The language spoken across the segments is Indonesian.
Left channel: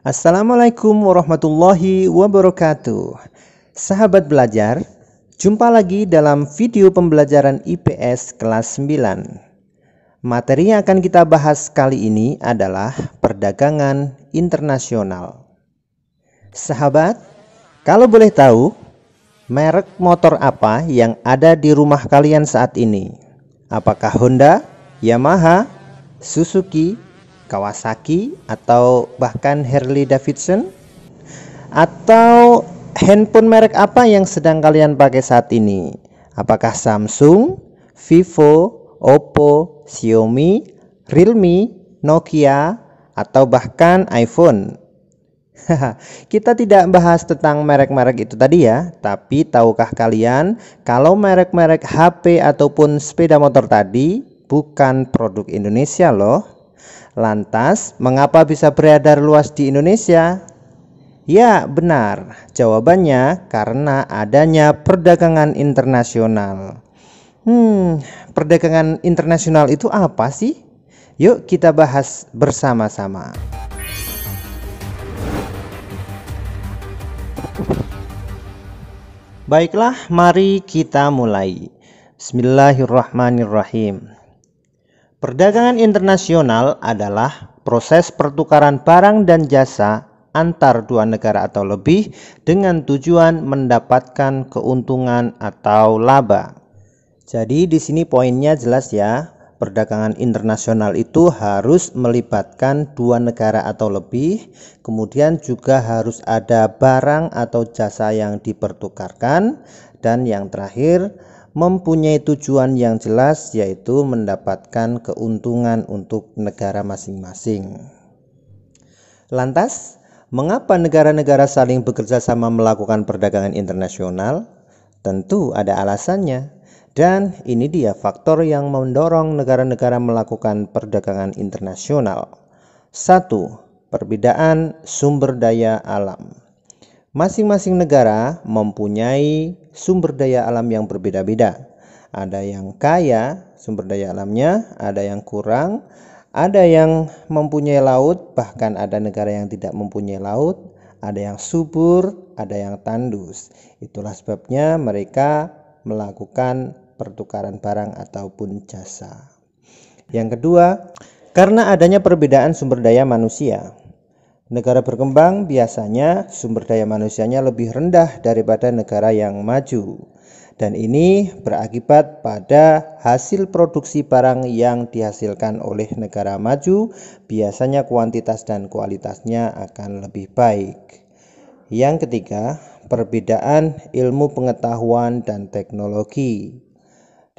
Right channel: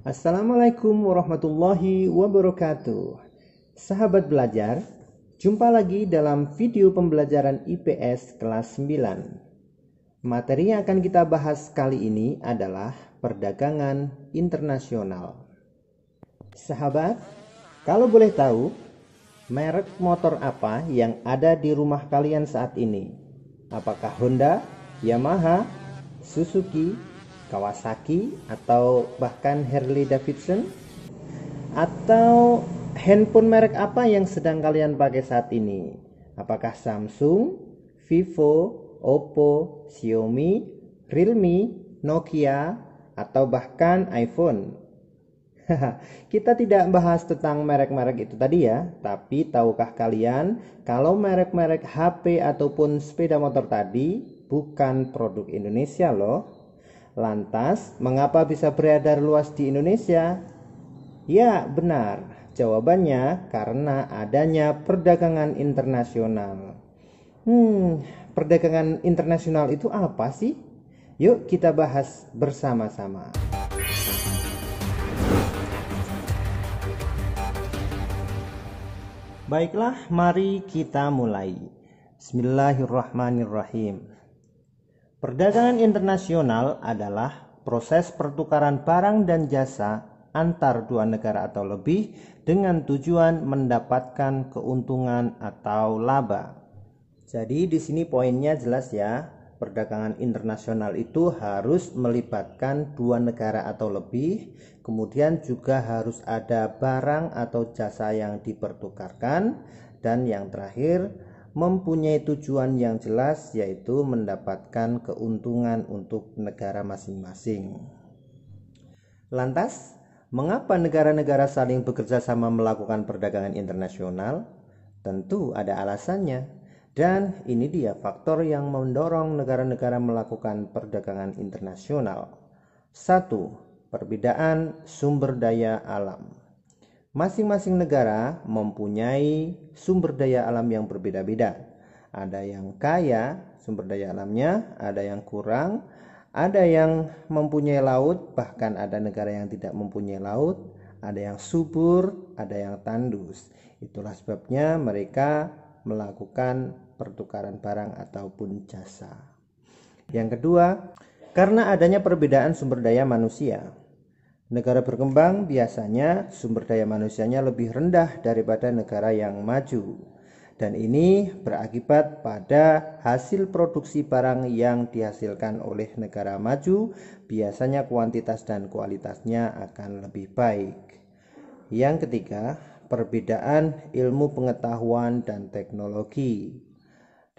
Assalamualaikum warahmatullahi wabarakatuh. Sahabat belajar, jumpa lagi dalam video pembelajaran IPS kelas 9. Materi yang akan kita bahas kali ini adalah perdagangan internasional. Sahabat, kalau boleh tahu, merek motor apa yang ada di rumah kalian saat ini? Apakah Honda, Yamaha, Suzuki, Kawasaki, atau bahkan Harley Davidson? Atau handphone merek apa yang sedang kalian pakai saat ini? Apakah Samsung, Vivo, Oppo, Xiaomi, Realme, Nokia, atau bahkan iPhone? Kita tidak bahas tentang merek-merek itu tadi ya, tapi tahukah kalian kalau merek-merek HP ataupun sepeda motor tadi bukan produk Indonesia loh? Lantas, mengapa bisa beredar luas di Indonesia? Ya, benar. Jawabannya karena adanya perdagangan internasional. Perdagangan internasional itu apa sih? Yuk kita bahas bersama-sama. Baiklah, mari kita mulai. Bismillahirrahmanirrahim. Perdagangan internasional adalah proses pertukaran barang dan jasa antar dua negara atau lebih dengan tujuan mendapatkan keuntungan atau laba. Jadi di sini poinnya jelas ya. Perdagangan internasional itu harus melibatkan dua negara atau lebih, kemudian juga harus ada barang atau jasa yang dipertukarkan, dan yang terakhir mempunyai tujuan yang jelas, yaitu mendapatkan keuntungan untuk negara masing-masing. Lantas, mengapa negara-negara saling bekerja sama melakukan perdagangan internasional? Tentu ada alasannya, dan ini dia faktor yang mendorong negara-negara melakukan perdagangan internasional. 1. Perbedaan sumber daya alam. Masing-masing negara mempunyai sumber daya alam yang berbeda-beda. Ada yang kaya sumber daya alamnya, ada yang kurang, ada yang mempunyai laut, bahkan ada negara yang tidak mempunyai laut, ada yang subur, ada yang tandus. Itulah sebabnya mereka melakukan pertukaran barang ataupun jasa. Yang kedua, karena adanya perbedaan sumber daya manusia. Negara berkembang biasanya sumber daya manusianya lebih rendah daripada negara yang maju, dan ini berakibat pada hasil produksi barang yang dihasilkan oleh negara maju biasanya kuantitas dan kualitasnya akan lebih baik. Yang ketiga, perbedaan ilmu pengetahuan dan teknologi.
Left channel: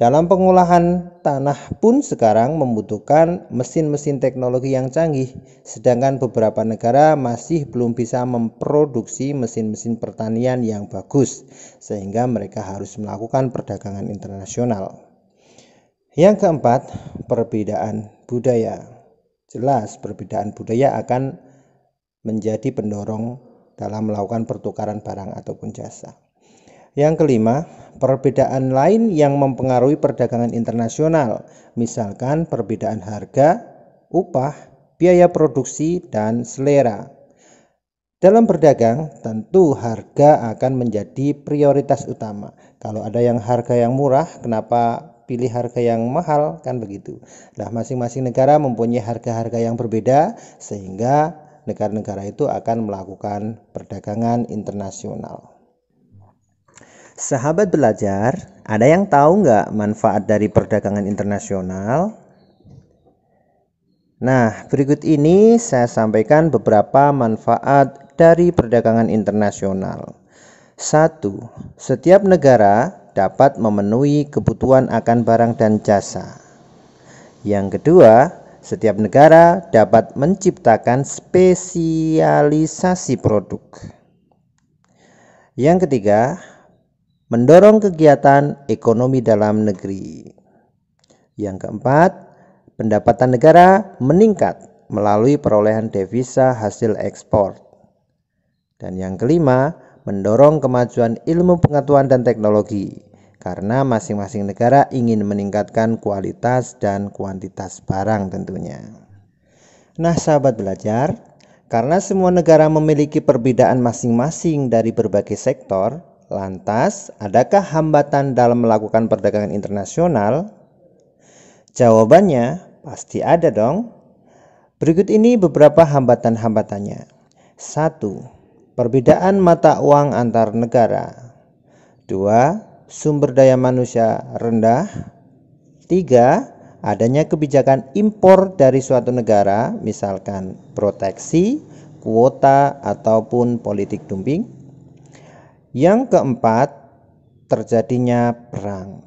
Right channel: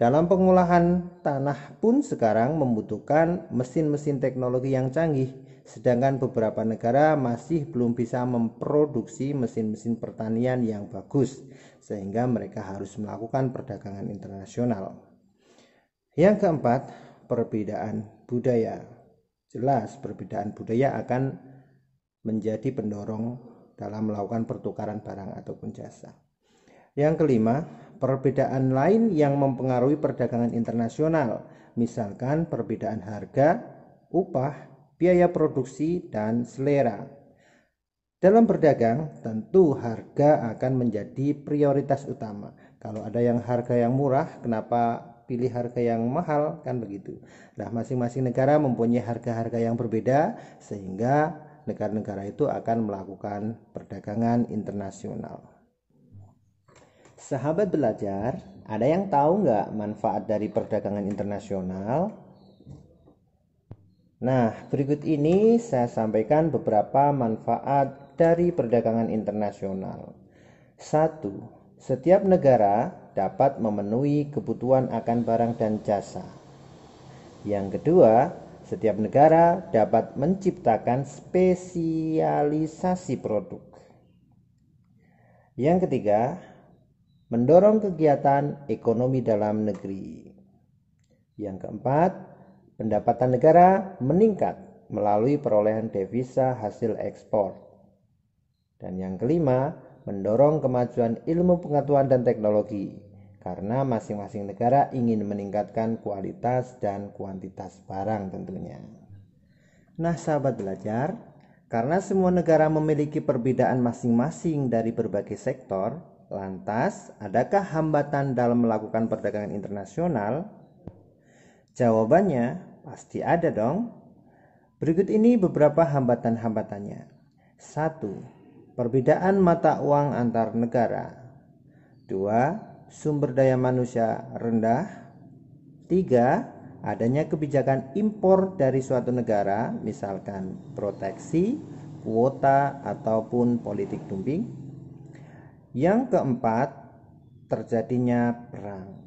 Dalam pengolahan tanah pun sekarang membutuhkan mesin-mesin teknologi yang canggih, sedangkan beberapa negara masih belum bisa memproduksi mesin-mesin pertanian yang bagus, sehingga mereka harus melakukan perdagangan internasional. Yang keempat, perbedaan budaya. Jelas, perbedaan budaya akan menjadi pendorong dalam melakukan pertukaran barang ataupun jasa. Yang kelima, perbedaan lain yang mempengaruhi perdagangan internasional, misalkan perbedaan harga, upah, biaya produksi, dan selera. Dalam berdagang, tentu harga akan menjadi prioritas utama. Kalau ada yang harga yang murah, kenapa pilih harga yang mahal? Kan begitu. Nah, masing-masing negara mempunyai harga-harga yang berbeda, sehingga negara-negara itu akan melakukan perdagangan internasional. Sahabat belajar, ada yang tahu nggak manfaat dari perdagangan internasional? Nah, berikut ini saya sampaikan beberapa manfaat dari perdagangan internasional. 1. Setiap negara dapat memenuhi kebutuhan akan barang dan jasa. Yang kedua, setiap negara dapat menciptakan spesialisasi produk. Yang ketiga, mendorong kegiatan ekonomi dalam negeri. Yang keempat, pendapatan negara meningkat melalui perolehan devisa hasil ekspor. Dan yang kelima, mendorong kemajuan ilmu pengetahuan dan teknologi, karena masing-masing negara ingin meningkatkan kualitas dan kuantitas barang tentunya. Nah, sahabat belajar, Karena semua negara memiliki perbedaan masing-masing dari berbagai sektor, lantas adakah hambatan dalam melakukan perdagangan internasional? Jawabannya pasti ada dong. Berikut ini beberapa hambatan-hambatannya. 1. Perbedaan mata uang antar negara. 2. Sumber daya manusia rendah. 3. Adanya kebijakan impor dari suatu negara, misalkan proteksi, kuota, ataupun politik dumping. Yang keempat, terjadinya perang.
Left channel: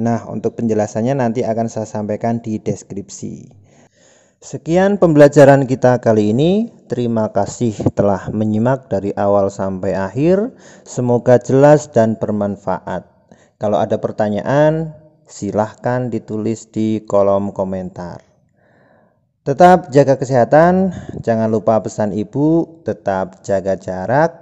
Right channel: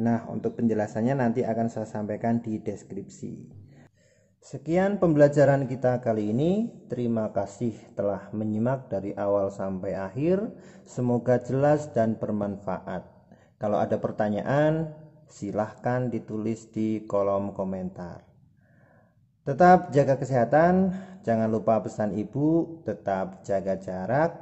Nah, untuk penjelasannya nanti akan saya sampaikan di deskripsi. Sekian pembelajaran kita kali ini. Terima kasih telah menyimak dari awal sampai akhir. Semoga jelas dan bermanfaat. Kalau ada pertanyaan, silahkan ditulis di kolom komentar. Tetap jaga kesehatan, jangan lupa pesan ibu, tetap jaga jarak,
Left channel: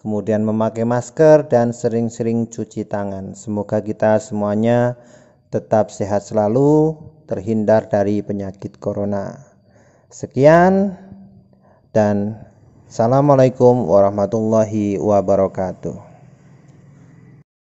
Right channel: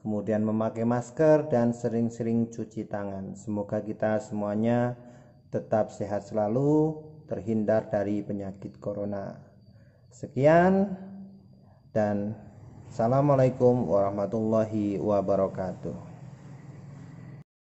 kemudian memakai masker dan sering-sering cuci tangan. Semoga kita semuanya tetap sehat selalu, terhindar dari penyakit corona. Sekian dan assalamualaikum warahmatullahi wabarakatuh.